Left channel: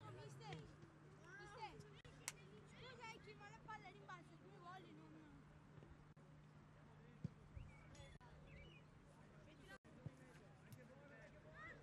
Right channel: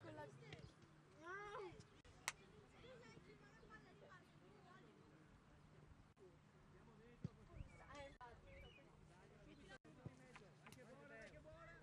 con la stessa. No! Tu sai chi ma la palla rimbalza 2 volte non... Andiamo dentro questa anche buona, anche buona!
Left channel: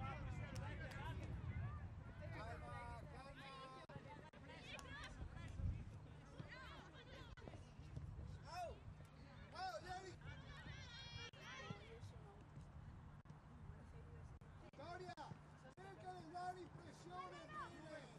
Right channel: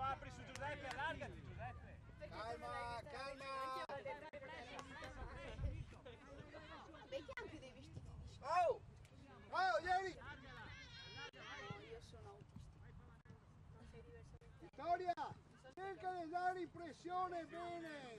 Apri su Giuseppe, allargati Giuseppe! Calma, calma! Oh! Oh, ieri! Vittoria, cerca di dare impressione bene!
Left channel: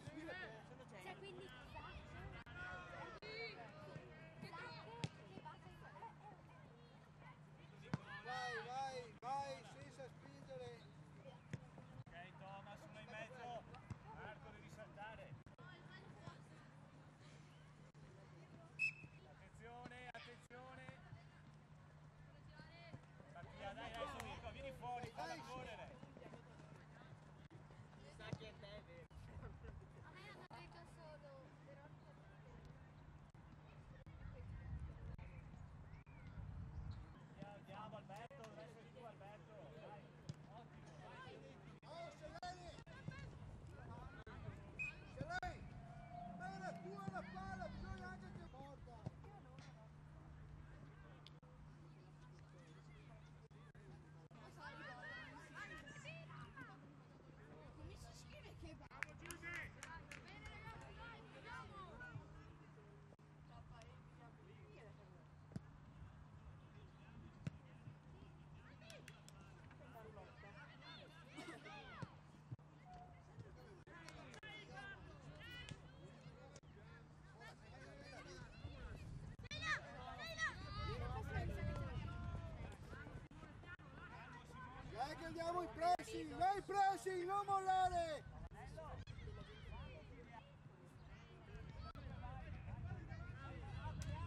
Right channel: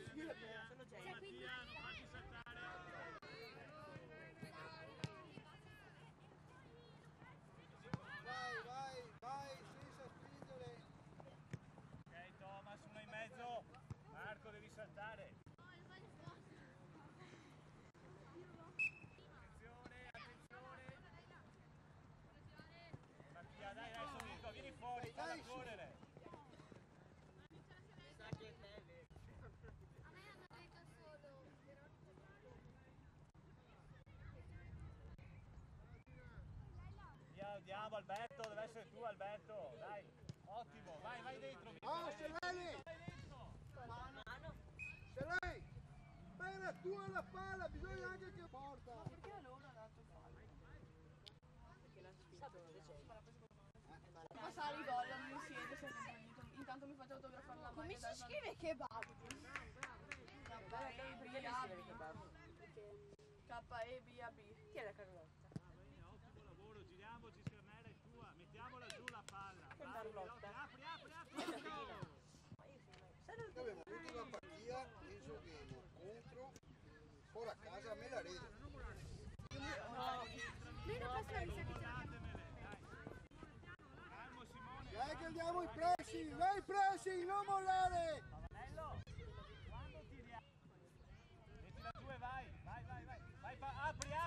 Andiamo Alberto, deve essere tu Alberto, dai, ottimo, vai dentro. Oh, Seleni! Seleni! Bene, tu alla palla, bisogna anche che porta! Ma sa ricorda, non mi siede, intanto mi fate autografare. Come si scrive kebab? K-E-B-A-B. Chi è la Carlotta? Ottimo lavoro, giriamoci Simonella è tua, mettiamola giù la palla. Bravo, apri! Abbiamo avuto una partita, penso che contro, poi a casa me la rete. Andiamo i pressi, fai i pressi, non mollare! Vai, apri!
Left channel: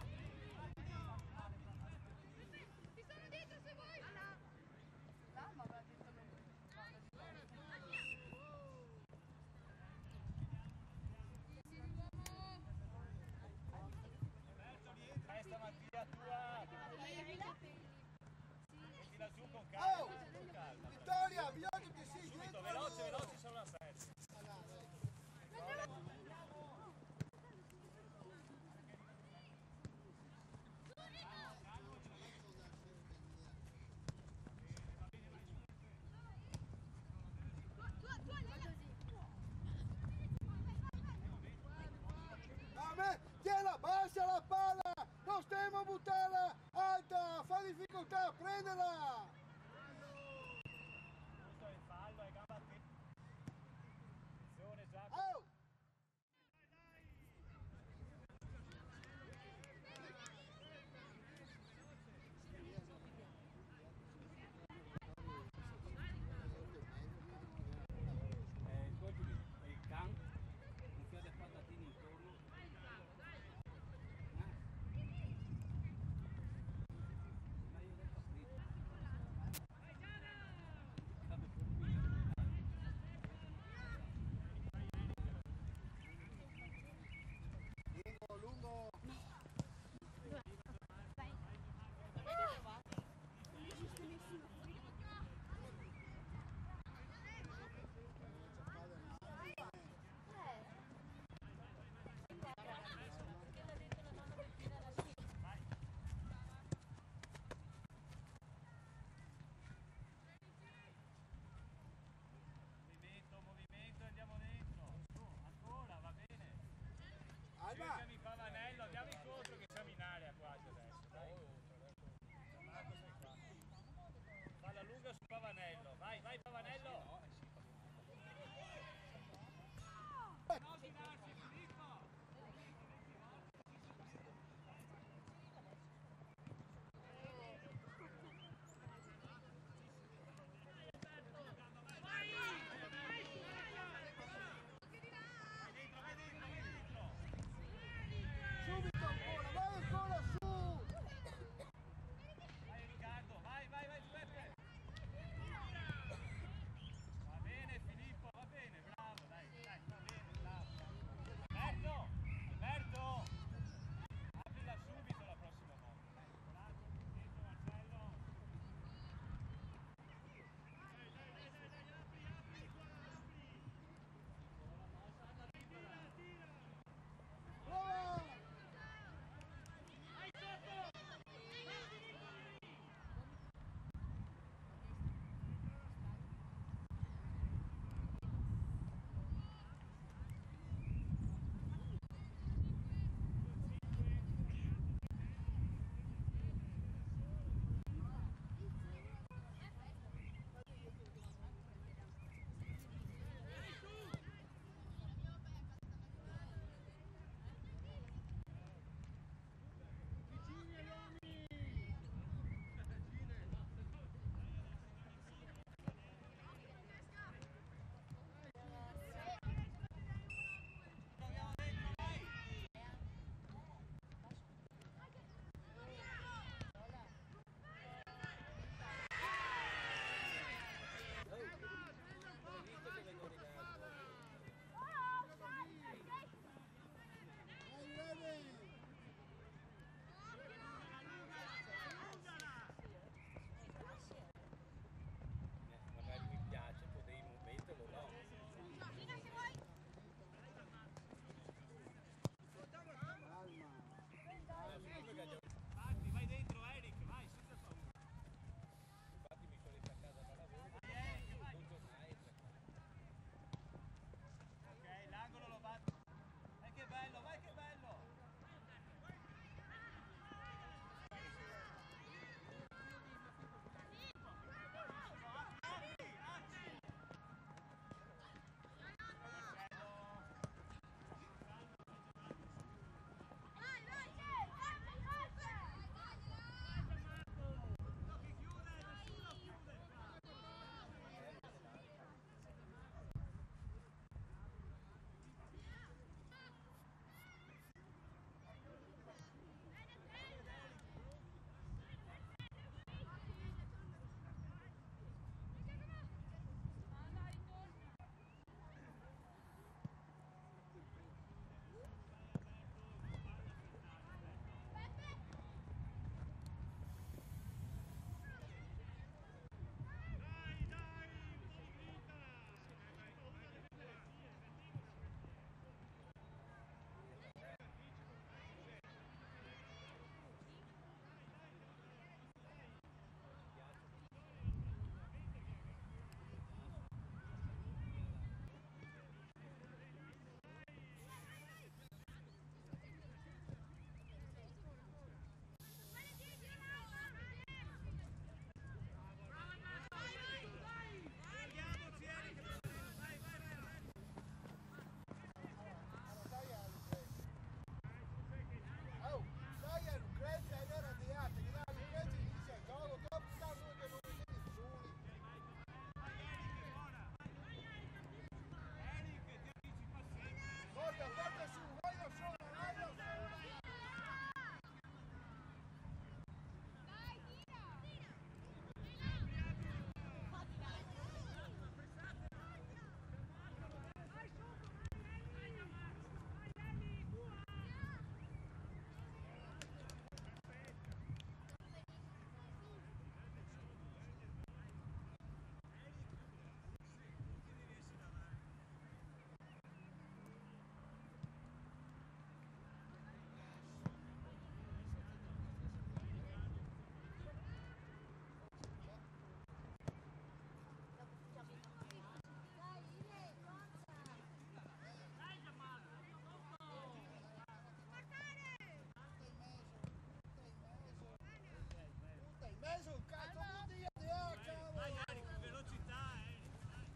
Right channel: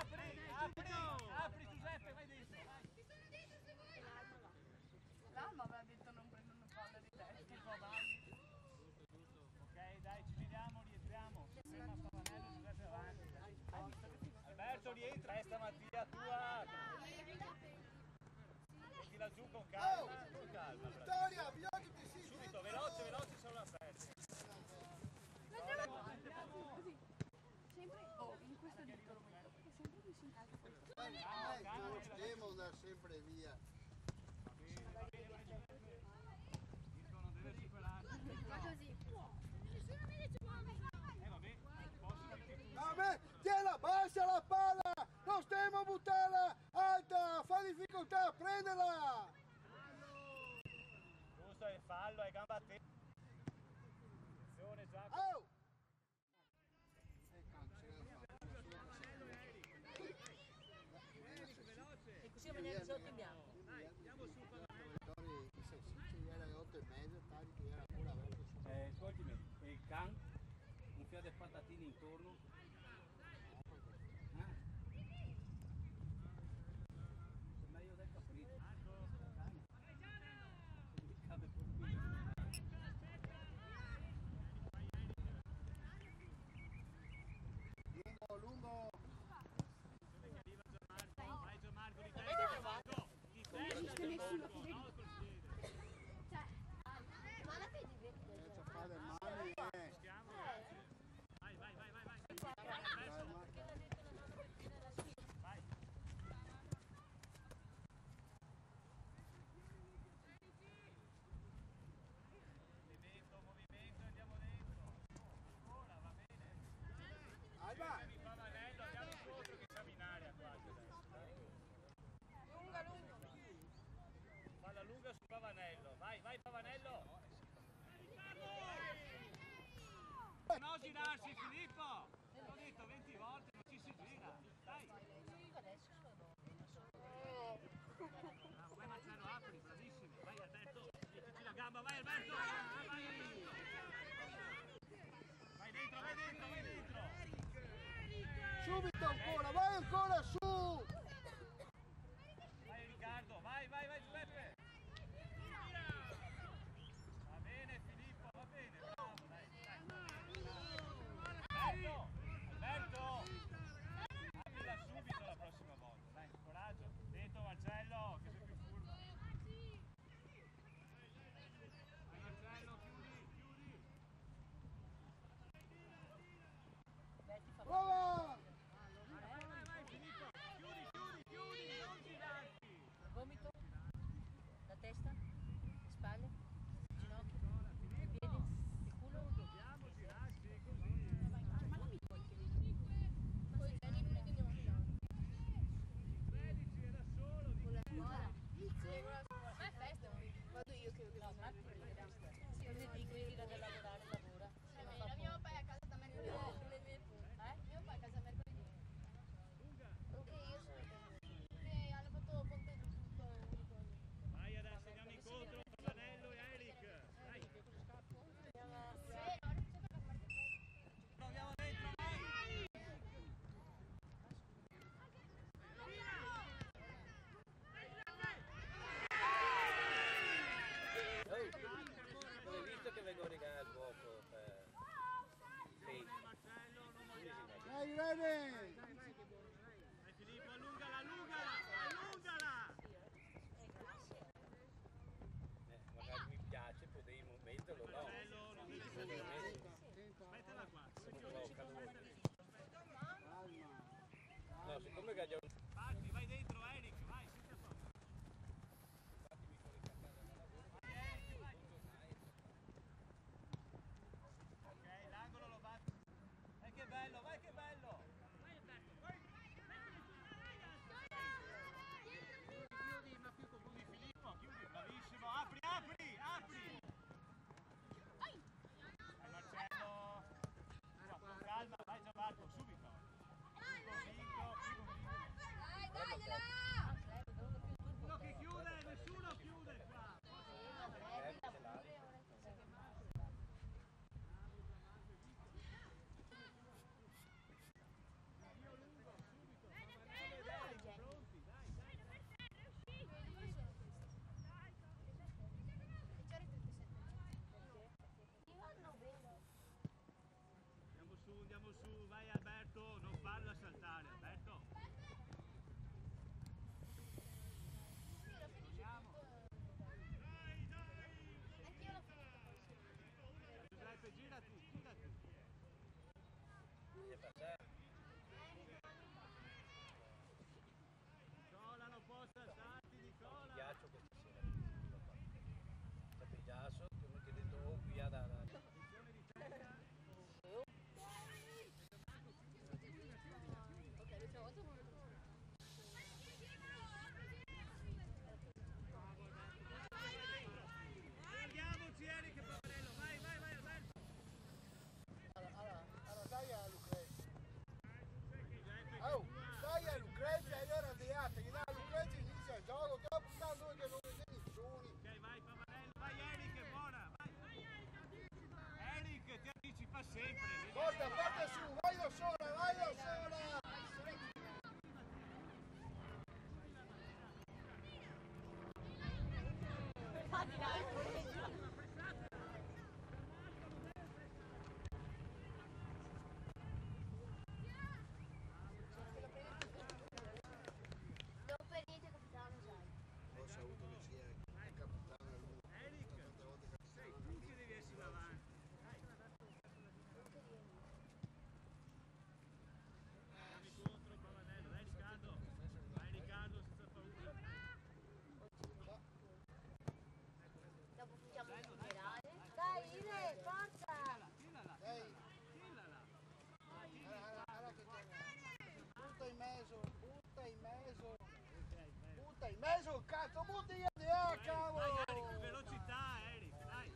Guarda in mezzo, cazzo, butti via di là, cavolo! Vai Eric, velocità Eric, dai!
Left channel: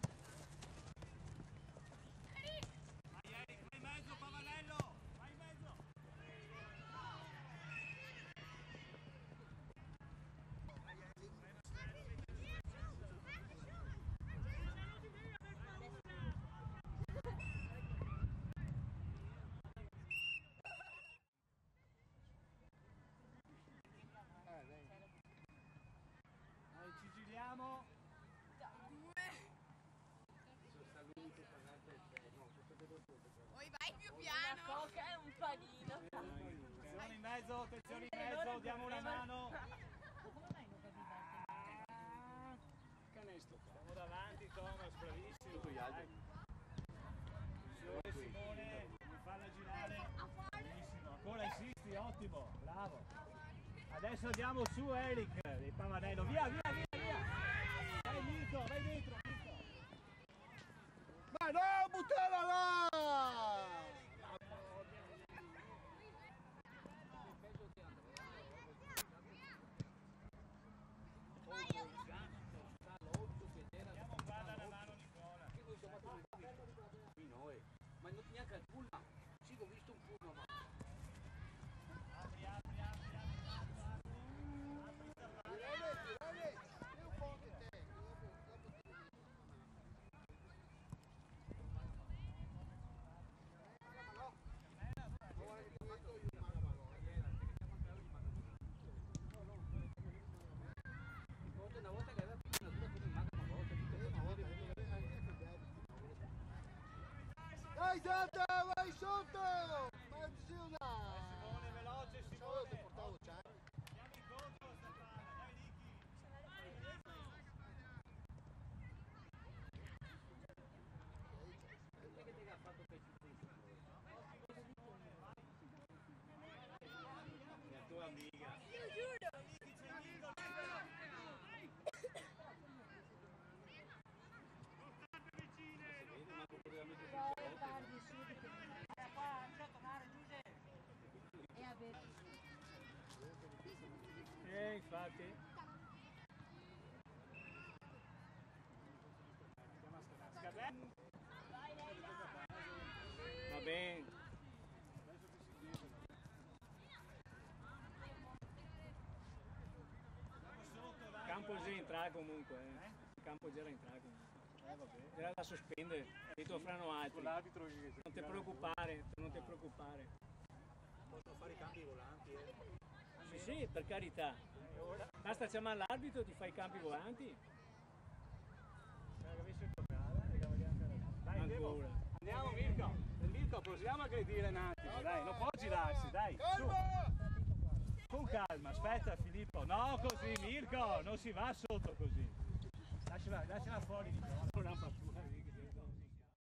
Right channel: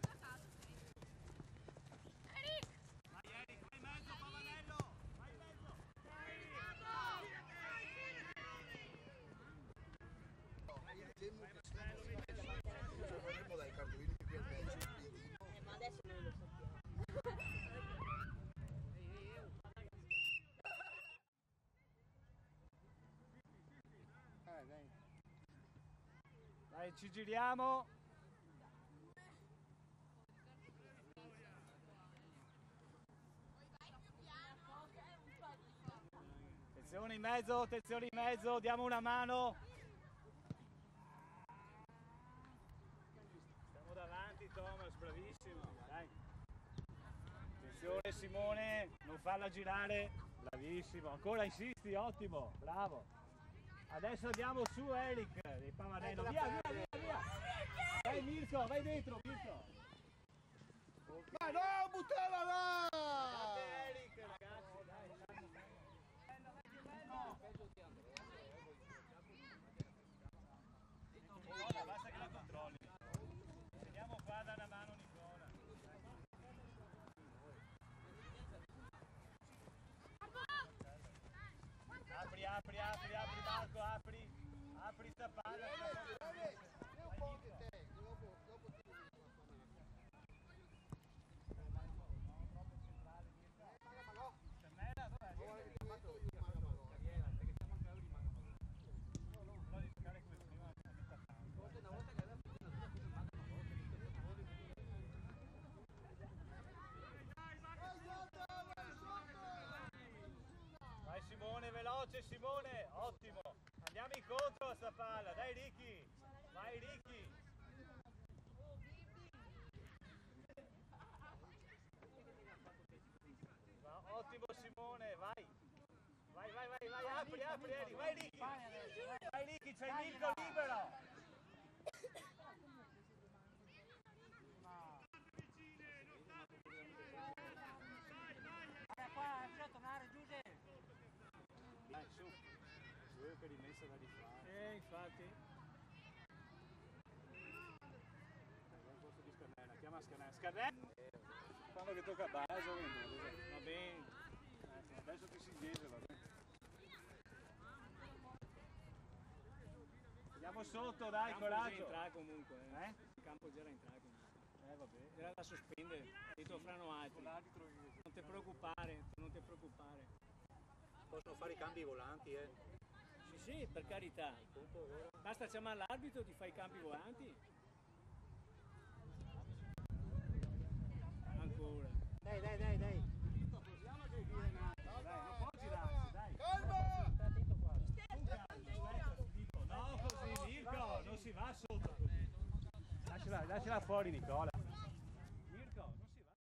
Dai, ci giriamo. Poi vai più piano. Coca è un panino. Attenzione in mezzo, diamo una mano. Attenzione Simone, non farla girare. Bravissimo, ancora insisti, ottimo, bravo. Adesso andiamo su Eric, del Pavanello, via, via, via, via. Vai Mirko, vai dentro Mirko. Ma no, buttala là! Fate Eric ragazzi, dai. Basta che la controlli. Ma non neanche al pullman. Sì, ho visto un pullman. Apri Marco, apri sta palla, ce la porta via. Vai Mirko. No, troppo centrale Mirko. Cannella, dov'è il Cannella? Però di giocare come prima. Dai Zata, vai sotto! Simone, veloce Simone, ottimo. Andiamo incontro a sta palla, dai Ricky. Vai Ricky. Ottimo Simone, vai. Vai, apri Eric, vai Ricky. Vai Ricky, c'è Mirko libero. Infatti. Fanno che tocca a base, va bene. Penso che si dice. Andiamo sotto, dai, coraggio. Comunque, il campo già entrato. Va bene. Era da sospendere, adesso faranno altro. Con l'arbitro che Non ti preoccupare, non ti preoccupare. Possono fare i cambi volanti, Sì, per carità. Basta chiamare l'arbitro e tu fai i cambi volanti. Dai, Devo. Andiamo Mirko. Mirko, possiamo aggredire un attimo, dai, non può girarsi, dai, su. Con calma, aspetta Filippo. No, così Mirko, non si va sotto così. Lasciala fuori Nicola.